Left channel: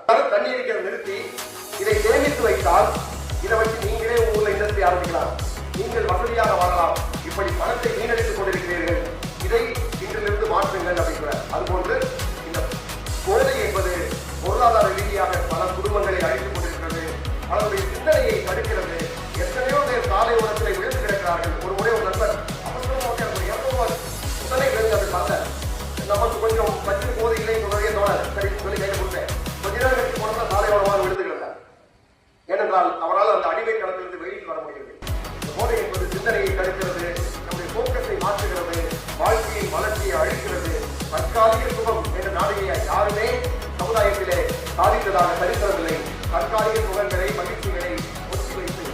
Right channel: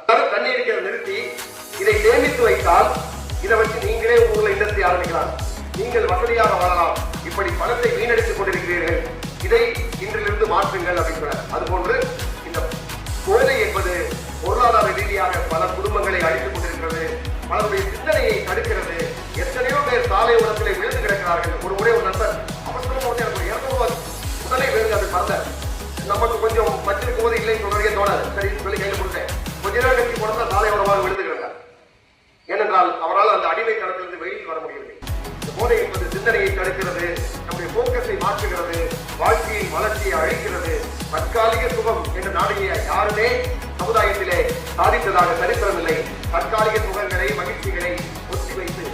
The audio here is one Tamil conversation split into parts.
தண்ணீரை நிறுத்தி இதை சேமித்து வைத்தால் இதை வச்சு நீங்களே ஊர்ல இண்டஸ்ட்ரி ஆரம்பிக்கலாம், நீங்கள் வசதியாக வாழலாம். இப்படி பணத்தை வீணடித்துக் கொண்டிருக்கிறீர்கள், இதை இன்றிலிருந்து மாற்றுங்கள் அப்படிங்கிறார். அதுபோன்று இந்த கோதை என்பது பொருளாதார ரீதியாக பல குடும்பங்களை அழித்துக் கொண்டிருக்கிறது, பலருடைய சிந்தனையை தடுக்கிறது. எத்தனையோ பேர் சாலை உரத்திலே விழுந்து கிடக்கிறார்கள். ஒரு முறை ஒரு நண்பர் உடனே விழுந்து அது பார்த்த நமக்கு கொஞ்சம் வச்சிருக்கும் போது இல்லை சொல்றதே தோணாது, சரி சொல்லி கையில் கொடுத்தேன். கொஞ்ச நேரம் கட்டி போனோம்னா சாலை உரமாக விழுந்து கிடந்தார். ஏனென்றால் அவரால் அந்த அடிமை தளத்திலிருந்து வெளியில் வர முடியவில்லை. போதை என்பது சிந்தனையை தடுக்கிறது, நம்முடைய போக்கஸை மாற்றுகிறது, வாழ்க்கையின் வளர்ச்சியை அழிக்கிறது. தற்காலிக சுகம் என்ற நாளைய யாருமே சமுதாயத்திலே சாதித்ததாக சரித்திரமில்லை. தற்காலிக சுகங்களை மகிழ்ச்சிகளை ஒத்தி வைத்து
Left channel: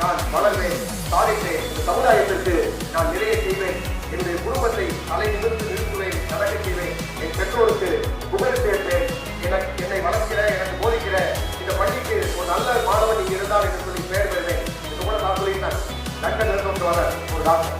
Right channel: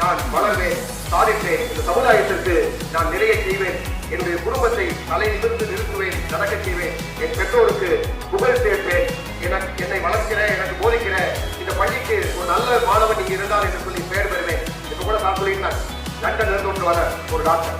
நான் வளர்வேன், சாதிப்பேன், இந்த சமுதாயத்திற்கு நான் நிறைய செய்வேன் என்று குடும்பத்தை நிமிர்ந்து நிறுத்துவேன், நடக்க செய்வேன், என் பெற்றோருக்கு புகழ் சேர்ப்பேன், என்னை வளர்க்கிற எனக்கு போதிக்கிற இந்த பள்ளிக்கு ஒரு நல்ல மாணவன் இங்கு இருந்தார் என்று சொல்லி பெயர் பெறுவேன் என்று கூட நான் சொல்லியிருந்தேன். லண்டன் கொண்டு வர ஒரு டாக்டர்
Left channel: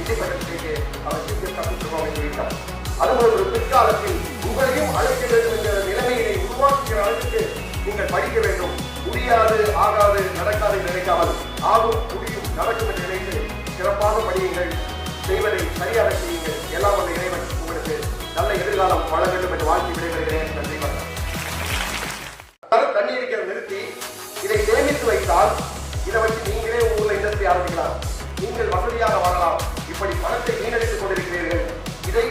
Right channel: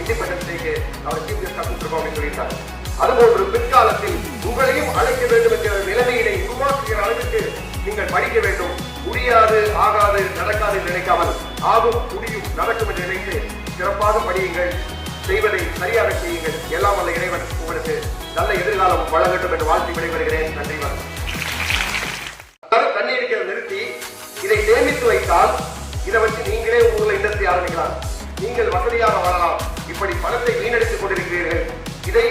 இண்டிபெண்டன்ஸைக்கு அவர் கற்றுக்கொள்வோம் என்று சொல்லிட்டார். அதுபோன்று பிற்காலத்தில் உங்களையும் அழைக்க வேண்டும் என்ற நிலைமையினை உருவாக்குகிற அளவுக்கு நீங்கள் படிக்க வேண்டும். முடியாது, ஆகாது, நடக்காது என்று நினைக்காமல் ஆகும், முடியும், நடக்கும் என்று நினைத்து சிறப்பாக படியுங்கள், செய்வதை சரியாக செய்யுங்கள். எல்லாம் வல்ல இறைவன் உங்களுக்கு நல்ல எதிர்காலம் வழங்கட்டும் என்று வாழ்த்தி விடைபெறுகிறேன். நன்றி. தண்ணீரை நிறுத்தி இதை சேமித்து வைத்தால் இதை வச்சு நீங்களே ஊர்ல இண்டஸ்ட்ரி ஆரம்பிக்கலாம், நீங்கள் வசதியாக வாழலாம். இப்படி பணத்தை வீணடித்துக் கொண்டிருக்கிறீர்கள், இதை